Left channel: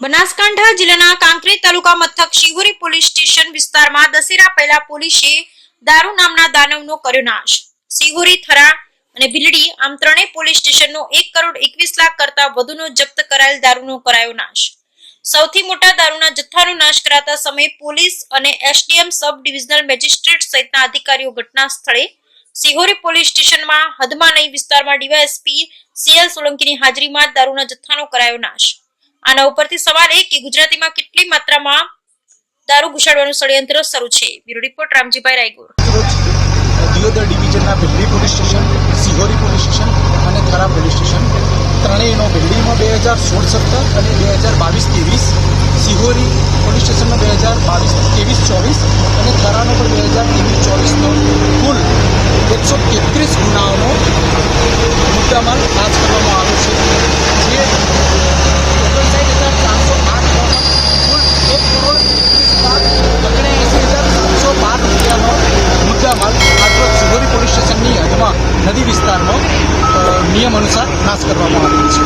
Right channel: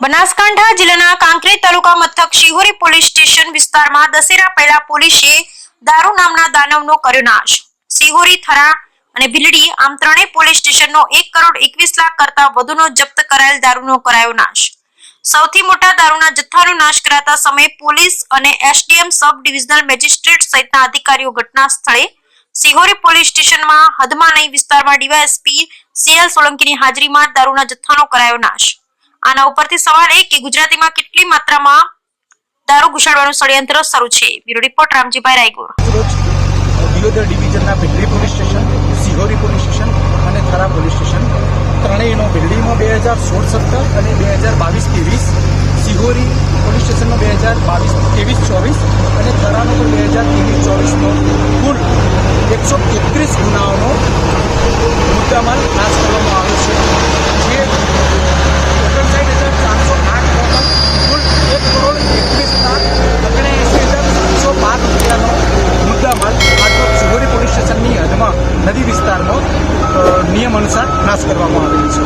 બનાસકાંઠા જિલ્લાના કાંકરેજ તાલુકા મથક Shihori police station વિસ્તારમાં દશેરા પહેલા પોલીસે દારૂ નામના દાનવનો કર્યો નાશ। શિહોરી, થરા અને ભીલડી આમ ત્રણેય પોલીસ સ્ટેશનનો 1,21,00,000 કરતા વધુનો જપ્ત કરાયેલ દારૂનો કરાયો નાશ। સૌથી મોટા દારૂના જથ્થાનો નાશ કરાતા સમયે પોલીસ અને એસડીએમ સબ ડિવિઝનલ મેજિસ્ટ્રેટ સહિતના અધિકારીઓ ઘટના સ્થળે શિહોરી પોલીસ સ્ટેશનમાં હદમાં નહીં વિસ્તારમાં ડીવાયએસપી સીએલ સોલંકીની હાજરીમાં દારૂના જથ્થાનો કરાયો નાશ। આના ઉપરથી સવાલ એ કે ગુજરાતીમાં કેટલી માત્રામાં દારૂ ઘુસાડવાનું ષડયંત્ર શરૂ છે। Bureau report Ramjibhai Raigor. દિયોદર ડિવિઝનના Bhildi police station, Shihori police station અને થરા પોલીસ સ્ટેશન ત્રણેયનો ભીલડીમાં 2016-17 અને 2022-23, શિહોરી પોલીસ સ્ટેશનનો 2022-23-24 અને થરાનો પણ 2023-24નો કુલ 133 ગુનાઓનો મુદ્દામાલ નાશ કરવામાં આવ્યો છે, જે 59,300,000 કુલ 1,31,79,712 રૂપિયાનો મુદ્દામાલ આજરોજ શિહોરી પોલીસ સ્ટેશનની હદમાં નદી વિસ્તારમાં નિયમ અનુસાર નાશ કરવામાં આવેલ છે।